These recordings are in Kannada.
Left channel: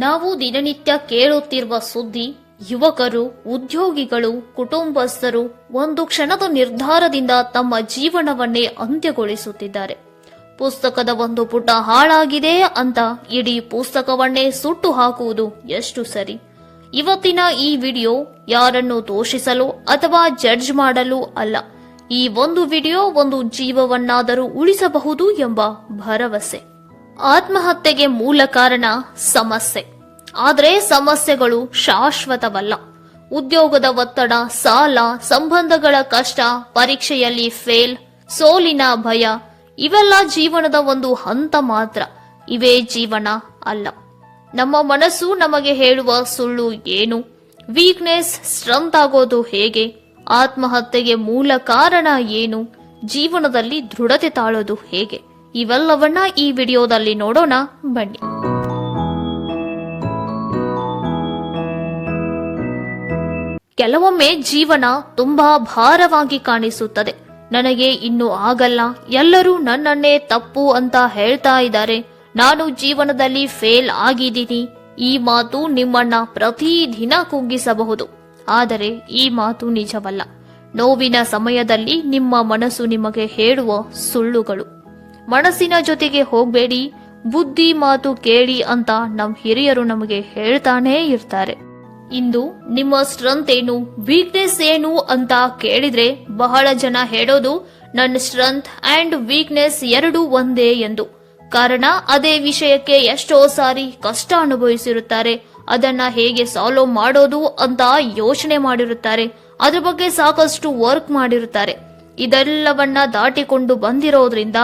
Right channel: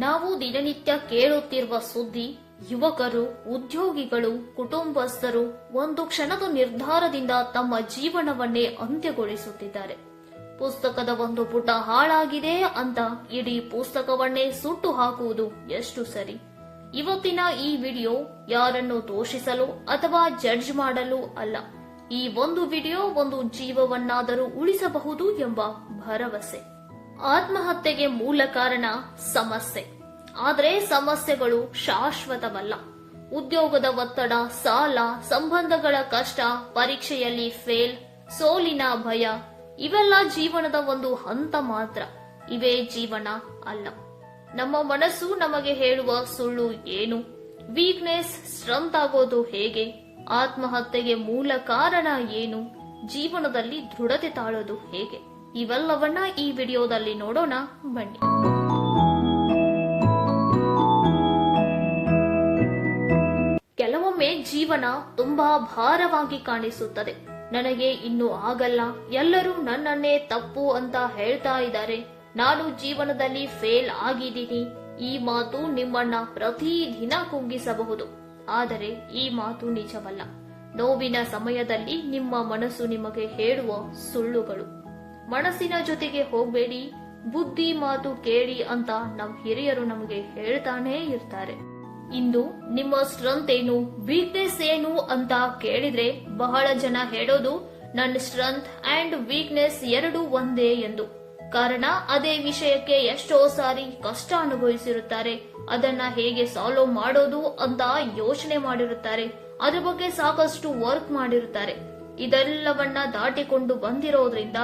ನಾವು ದಿನನಿತ್ಯ ಕೇಳುತ್ತಿರುವ ಸುದ್ದಿ, ಯುವಕರು, ಉದ್ಯೋಗಿಗಳು, ಕುಟುಂಬಸ್ಥರು ಒಂದು ಕ್ಷಣದ ನಿರ್ಧಾರದಿಂದ ತಮ್ಮ ಜೀವನವನ್ನೇ ಅಂತ್ಯಗೊಳಿಸುತ್ತಿದ್ದಾರೆ. ಪುಸ್ತಕದ ಒಂದು ಪುಟ ಹಾಳಾಗಿದೆ ಅಂತ ಇಡೀ ಪುಸ್ತಕವನ್ನೇ ಸುಟ್ಟು ಹಾಕುವುದು ಎಷ್ಟು ಸರಿ? ಇವತ್ತಿನ ಈ ವಿಡಿಯೋ ಯಾರನ್ನು ದೋಷಿಸಲು ಅಥವಾ ಜಡ್ಜ್ ಮಾಡಲು ಅಲ್ಲ. ಈ ಒಂದು ವಿಡಿಯೋ ಒಂದು ಜೀವವನ್ನಾದರೂ ಉಳಿಸಬಹುದು ಎಂಬ ಭರವಸೆ. ಆತ್ಮಹತ್ಯೆಗೆ ಮೂಲ ಕಾರಣ ಸಮಸ್ಯೆ. ಆದರೆ ಸಮಸ್ಯೆಗಳು ಶಾಶ್ವತವಲ್ಲ. ಉದ್ಯೋಗದ ಒತ್ತಡ, ಸಾಲ, ಸಂಬಂಧಗಳ ಕಷ್ಟ, ಪರೀಕ್ಷೆಯಲ್ಲಿ ಫೇಲ್, ಸೋಲಿನ ಭಯ ಇವೆಲ್ಲ ಜೀವನದ ಒಂದು ಹಂತ ಮಾತ್ರ. ಇವೇ ಜೀವನ ಅಲ್ಲ. ನಮ್ಮ ಮನಸ್ಸು ನಮಗೆ ಹೇಳುವ ಸುಳ್ಳು ಏನು? ವೀಕ್ನೆಸ್ ಸ್ಟ್ರೆಂತ್ ಆಗೋದು ಹೇಗೆ? ಆತ್ಮಹತ್ಯೆಗೆ ಮೂಲ ಕಾರಣ ಏನು? ಜೀವನದಲ್ಲಿ ದೃಢತೆ ತಾಳೋದು ಹೇಗೆ? ಇವೆಲ್ಲವನ್ನ ಈ ವಿಡಿಯೋದಲ್ಲಿ ನೋಡೋಣ ಬನ್ನಿ. ಕೆಲವೊಮ್ಮೆ ಜೀವನ ತುಂಬಾ ಭಾರವಾಗಿ ಕಾಣಿಸುತ್ತದೆ. ನನಗೆ ಇನ್ನು ಆಗಲ್ಲ, ಎಲ್ಲರೂ ನನ್ನನ್ನೇ ತಪ್ಪು ಅಂತ ಹೇಳ್ತಾ ಇದ್ದಾರೆ, ನಾನು ಜೀವನದಲ್ಲಿ ಫೇಲ್ ಆಗಿದ್ದೀನಿ. ಈ ಮಾತು ನಿಮ್ಮನ್ನ ಪ್ರತಿದಿನ ಕುಗ್ಗಿಸಬಹುದು. ಆದರೆ ಈ ಮಾತು ನಿಜವಲ್ಲ. ನೋವಿನ ಸಮಯದಲ್ಲಿ ನಿಮ್ಮ ಮನಸ್ಸು ನಿಮಗೆ ಹೇಳುವ ಸುಳ್ಳುಗಳು. ಮನಸ್ಸಿನ ಜೊತೆಗೆ ಹೋಗ್ಬೇಡಿ, ಬುದ್ಧಿ ಮಾತು ಕೇಳಿ ಅಂತ ನಮ್ಮ ಹಿರಿಯರು ನಮಗೆ ಹೇಳ್ತಾನೇ ಇರ್ತಾರೆ. ಇಂದು ನಿಮ್ಮ ಸ್ಟ್ರೆಂತ್ ಏನು, ವೀಕ್ನೆಸ್ ಏನು ಅಂತ ಕೇಳಿದ್ರೆ ಬಹಳ ಜನ ಹೇಳೋದು ನನ್ನ ಸ್ಟ್ರೆಂತ್ ಅಂಡ್ ವೀಕ್ನೆಸ್ ಎರಡೂ ಒಂದೇ ಎಂದು. ಕಾರಣ ಅದೇ ವಿಷಯಕ್ಕೆ ಎಷ್ಟೋ ಸಾರಿ ಕಷ್ಟ ಅನುಭವಿಸಿರುತ್ತಾರೆ. ಅದನ್ನ ಹೇಗೆ ಸಾಲ್ವ್ ಮಾಡೋದು ಅಂತ ಯೋಚನೆ ಮಾಡಿರುತ್ತಾರೆ. ಅದ್ರ ಬಗ್ಗೆ ಸಾಕಷ್ಟು ವರ್ಕ್ ಮಾಡಿರುತ್ತಾರೆ. ಇದೆಲ್ಲವನ್ನ ದಾಟಿಕೊಂಡು ಬಂದಿರೋದ್ರಿಂದ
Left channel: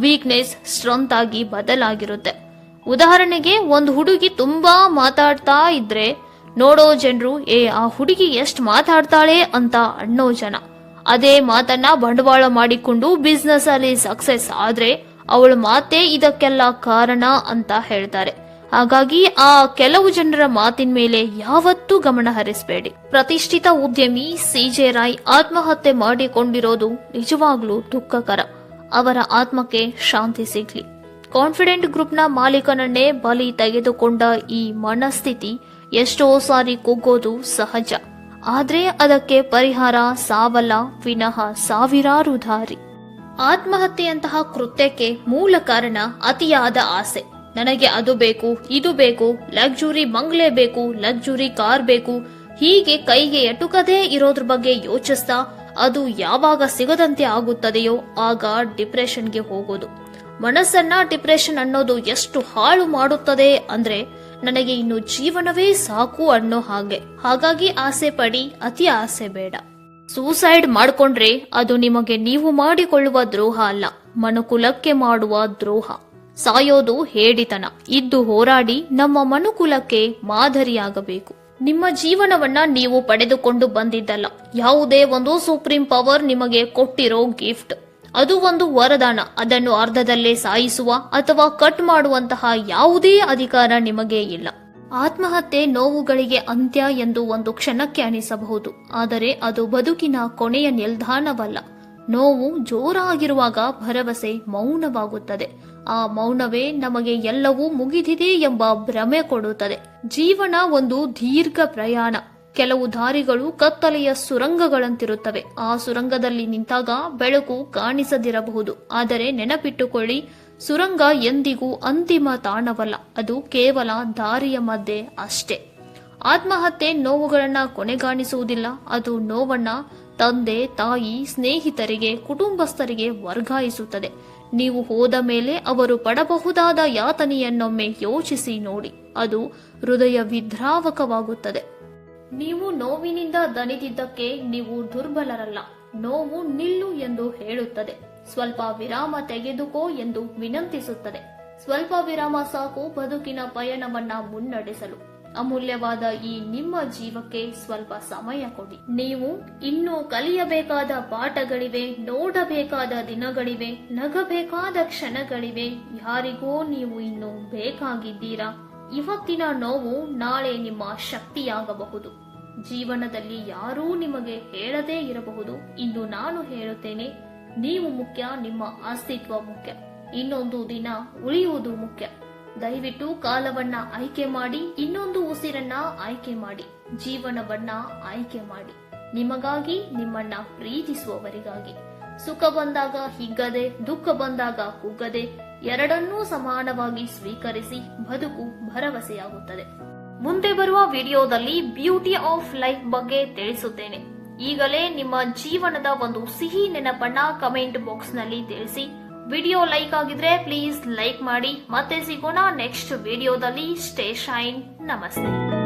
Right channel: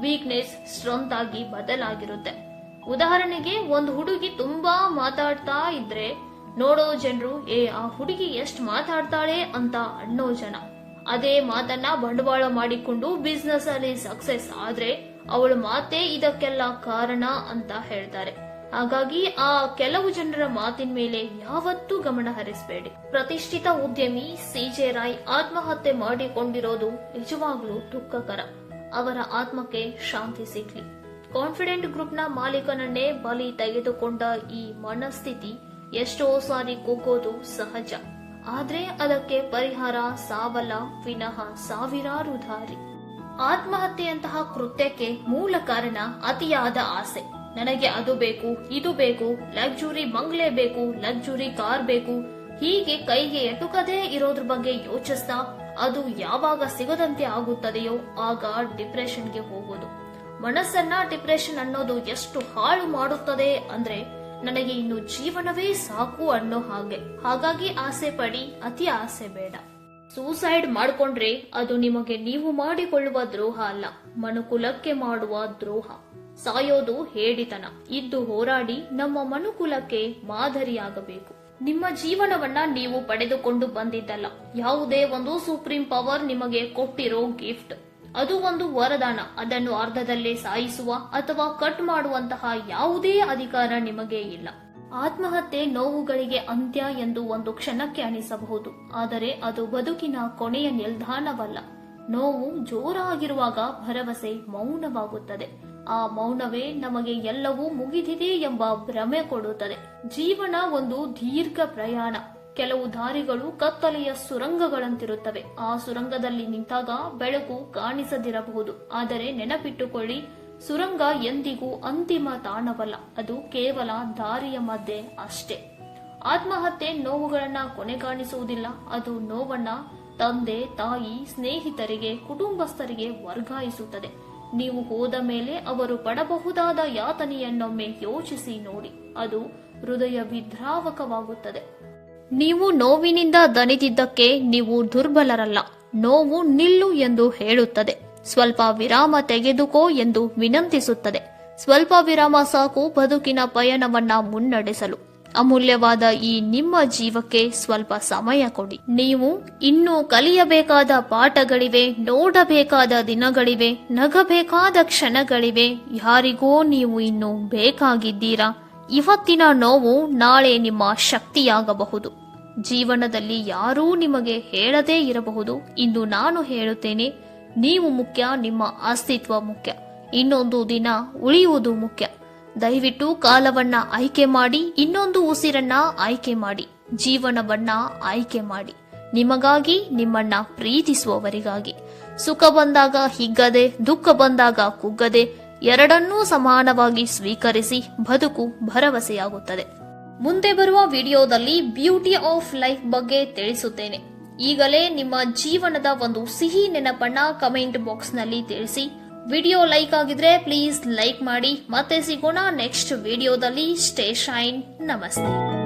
ವೀಕ್ನೆಸ್ ಸ್ಟ್ರೆಂತ್ ಆಗಿ ಬದಲಾಗಿರುತ್ತೆ. ಉದಾಹರಣೆಗೆ, ಒಂದು ಹುಡುಗಿ ತುಂಬಾ ಮಾತಾಡ್ತಾ ಇದ್ರೆ ನೋಡೋ ಜನರು ಆ ಹುಡುಗಿ ಎಷ್ಟು ಮಾತಾಡ್ತಾಳೆ ಅಂತ ಅನ್ನೋ ಜನ. ಅದೇ ಮಾತನ್ನ ಬಂಡವಾಳ ಮಾಡಿಕೊಂಡು ಬಿಸ್ನೆಸ್ ಅಲ್ಲಿ ಸಕ್ಸೆಸ್ ಆದ್ರೆ ಅವಳ ಮಾತೇ ಇದಕ್ಕೆಲ್ಲ ಕಾರಣ ಅಂತ ಹೇಳ್ತಾರೆ. ಹಾಗಾಗಿ ಆ ಕೆಲವು ಜನರ ಮಾತಿನ ಮೇಲೆ ಯಾವತ್ತೂ ಗಮನ ಹರಿಸಬೇಡಿ. ಪ್ರತಿಷ್ಠಿತ ಉದ್ಯಮಿ CJ ರಾಯ್ ಆತ್ಮಹತ್ಯೆ ಮಾಡಿಕೊಂಡಿರೋದು ನಿಜವಾಗ್ಲೂ ದುಃಖಕರ. ಅವರ ಆತ್ಮಕ್ಕೆ ಶಾಂತಿ ಸಿಗ್ಲಿ. ಕಾನ್ಫಿಡೆಂಟ್ ಗ್ರೂಪ್ನ ಮಾಲೀಕನನ್ನೇ ಬಲಿ ತೆಗೆದುಕೊಂಡ ಈ ಮನಸ್ಥಿತಿ ಎಷ್ಟೋ ಸಾರಿ ಕುಗ್ಗೋದು ಸಹಜ. ಆದ್ರೆ ಅದಕ್ಕೆ ಪರಿಹಾರ ಸಾವಲ್ಲ, ವಿನಃ ಸಾವಿರಾರು ದಾರಿ. ಆತ್ಮಹತ್ಯೆಯಂತಹ ಕೃತ್ಯಕ್ಕೆ ಮೂಲ ಕಾರಣ ಅತಿಯಾದ ಆಸೆ. ನನಗೆ ಅದು ಬೇಕು, ಇದು ಬೇಕು, ಲಕ್ಸುರಿ ಬಂಗ್ಲೆ ಬೇಕು, ಲಕ್ಸುರಿ ಕಾರ್ ಬೇಕು, ಹೀಗೆ ಕೈಗೆ ಎಟುಕದೇ ಇರೋದ್ರ ಬಗ್ಗೆ ಯೋಚಿಸ್ತಾ ಅದು ಯಾವಾಗ ಸಿಗದಂತೆ ಆಗುತ್ತದೆಯೋ ಆಗ ಡಿಪ್ರೆಷನ್ಗೆ ಹೋಗೋದು. ಮನಸ್ಸನ್ನ ಡಿಪ್ರೆಷನ್ ಅನ್ನೋದು ಎಷ್ಟು ಹಾಳು ಮಾಡುತ್ತದೆ ಅಂದ್ರೆ ನನಗೆ ಇನ್ನು ಜೀವನವೇ ಸಾಕು ಅನ್ನೋ ಹಾಗೆ. ಹಾಗಾಗಿ ಆಸೆ ಪಡಿ, ಅತಿ ಆಸೆ ಬೇಡ. ಸೂಸೈಡ್ ಮಾಡ್ಕೊಂಡ್ರೆ ಅದು ನಿಮಗೆ ನೀವು ಮಾಡಿಕೊಳ್ಳುವ ದ್ರೋಹ ಅಲ್ಲ, ಮನುಕುಲಕ್ಕೆ ಮಾಡುವ ದ್ರೋಹ. ಸಾಯೋದು ಹೇಡಿತನ. ಇದ್ದು ಹೋರಾಡಿ ನಮ್ಮ ಮನುಕುಲಕ್ಕೆ ಮಾದರಿಯಾಗಬೇಕು. ನಿಮ್ಮ ಜೀವನವನ್ನ ನೀವು ಪಡೆದುಕೊಂಡು ಬಂದಿದ್ದಲ್ಲ. ಯಾವುದೇ ಒಂದು ಸುಪ್ರೀಂ ಪವರ್ ನಿಮಗೆ ಕೊಟ್ಟಿರೋ ಗಿಫ್ಟ್. ಅದು ಒಂದು ವರದಾನ. ಅದನ್ನು ಅರ್ಧದಲ್ಲೇ ಸಾಯಿಸುವ ಅಥವಾ ಕಟ್ ಮಾಡುವಂತಹ ಯಾವುದೇ ಅಧಿಕಾರ ನಿಮಗೆ ಇಲ್ಲ. ಆತ್ಮಹತ್ಯೆ ನೋವುಗಳಿಗೆ ಅಂತ್ಯ ಎಂದು ಒಂದು ಕ್ಷಣಕ್ಕೆ ಅನಿಸಬಹುದು. ಆದರೆ ಅದು ಬದುಕಿನ ಕೊನೆಯ ನಿಲ್ದಾಣವಲ್ಲ. ನೋವು ಜೋರಾಗಿರುವಾಗ ಭರವಸೆ ಮೌನವಾಗುತ್ತದೆ. ಆ ಮೌನವೇ ನಮಗೆ ಎಲ್ಲವೂ ಮುಗಿದಿದೆ ಎಂಬ ಭ್ರಮೆ ಕೊಡುತ್ತದೆ. ಜೀವನ ಒಂದು ದೀರ್ಘ ಪ್ರಯಾಣ. ಕೆಲವು ದಾರಿಗಳು ಕತ್ತಲೆಯ ಸುರಂಗಗಳಂತಿರುತ್ತವೆ. ಆ ಸುರಂಗದಲ್ಲಿ ನಿಂತಾಗ ಬೆಳಕು ಕಾಣಿಸದಿರಬಹುದು. ಆದರೆ ನೆನಪಿಟ್ಟುಕೊಳ್ಳಿ, ಸುರಂಗ ಎಂದಿಗೂ ಅಂತಿಮ ತಾಣವಲ್ಲ. ಅದು ಕೇವಲ ದಾರಿಯ ಮಧ್ಯೆ ಅಷ್ಟೇ. ಆತ್ಮಹತ್ಯೆ ನೋವುಗಳನ್ನ ಕೊನೆಗಾಣಿಸುವುದಿಲ್ಲ. ಅದು ನೋವನ್ನ ತಂದೆ, ತಾಯಿ, ಸ್ನೇಹಿತರಿಗೆ, ಕುಟುಂಬಸ್ಥರಿಗೆ ವರ್ಗಾಯಿಸುತ್ತದೆ. ನೀವು ಹೋದ ಮೇಲೆ ಅವರು ಪಡಬಹುದಾದ ಯಾತನೆಯನ್ನೊಮ್ಮೆ ಯೋಚಿಸಿ ನೋಡಿ. ಅದು ಹೃದಯ ವಿದ್ರಾವಕವಾಗುತ್ತದೆ. ನೀವು ನೋವಿನಿಂದ ದಣಿದಿದ್ದಕ್ಕೆ ನೀವು ದುರ್ಬಲರಲ್ಲ. ನೋವು ನಿಲ್ಲು ಎಂದು ಹೇಳುತ್ತದೆ. ಸ್ವಲ್ಪ ವಿರಾಮ ತೆಗೆದುಕೋ ಎಂದು ವಿನಂತಿಸುತ್ತದೆ. ಸ್ವಲ್ಪ ವಿರಾಮ ಸಾಕು ಬದುಕಿನ ಪಯಣವನ್ನ ಮುನ್ನಡೆಸಲು. ಅಮೂಲ್ಯವಾದ ಈ ನಿಮ್ಮ ಜೀವಕ್ಕೆ ಸ್ವಲ್ಪ ಸಮಯ ಕೊಡಿ. ನೀವು ಇನ್ನೂ ಕಲಿಯಬೇಕಾದ ಪಾಠಗಳಿವೆ, ನೋಡಬೇಕಾದ ದಿನಗಳಿವೆ, ನಗಬೇಕಾದ ಕ್ಷಣಗಳಿವೆ. ಯಾರಿಗೋ ನೀವು ಇನ್ನು ಬೇಕಾಗಿದ್ದೀರಾ. ಇವತ್ತಿನ ನೋವು ನಾಳೆ ನಿಮ್ಮ ಶಕ್ತಿಯಾಗಬಹುದು. ಜೀವನದಲ್ಲಿ ಯಾರೂ ನಿಮಗೆ ಹೇಳದೇ ಇರಬಹುದು. ಇಂದು ನಾನು ಹೇಳುತ್ತೇನೆ, ನೀವು ಮುಖ್ಯ, ನಿಮ್ಮ ಅಸ್ತಿತ್ವ ಮುಖ್ಯ. ಇನ್ನೊಂದು ದಿನ ಉಳಿಯುವುದು ಮುಖ್ಯ. ದಯವಿಟ್ಟು ಕಾಲವನ್ನ ಆಯ್ಕೆ ಮಾಡಿ, ಇನ್ನೊಂದು ಉಸಿರನ್ನ ಆಯ್ಕೆ ಮಾಡಿ, ಜೀವನವನ್ನ ಆಯ್ಕೆ ಮಾಡಿ. ನಿಮಗಾಗಿ, ನಿಮ್ಮನ್ನ ಪ್ರೀತಿಸುವವರಿಗಾಗಿ. ಸುಖ ಬಂದಾಗ ಹಿಗ್ಗದೆ, ದುಃಖ ಬಂದಾಗ ಕುಗ್ಗದೆ, ಎರಡನ್ನೂ ಸಮಾನವಾಗಿ ಸ್ವೀಕರಿಸಿ ಬದುಕು ಭರವಸೆಯಾಗುತ್ತದೆ. ಮುಂದೆ ಬರುವ ವಿಡಿಯೋದಲ್ಲಿ ಬ್ಯೂಟಿ ಆಫ್ ಲೈಫ್ ಬಗ್ಗೆ ತಿಳಿಸುತ್ತೇನೆ. ಈಗಲೇ ನಿಮ್ಮ ಜೀವನದ ಒಂದು ಸಿಹಿ ನೆನಪನ್ನ ಕಮೆಂಟ್ ಬಾಕ್ಸ್ ನಲ್ಲಿ ತಿಳಿಸಿ. ವಿಡಿಯೋ ಲೈಕ್ ಆಗಿದ್ರೆ ಪ್ಲೀಸ್ ಲೈಕ್ ಮಾಡಿ. ಮತ್ತೆ ಸಿಗೋಣ ನೆಕ್ಸ್ಟ್ ವಿಡಿಯೋದಲ್ಲಿ. Stay shine. ನಮಸ್ತೆ.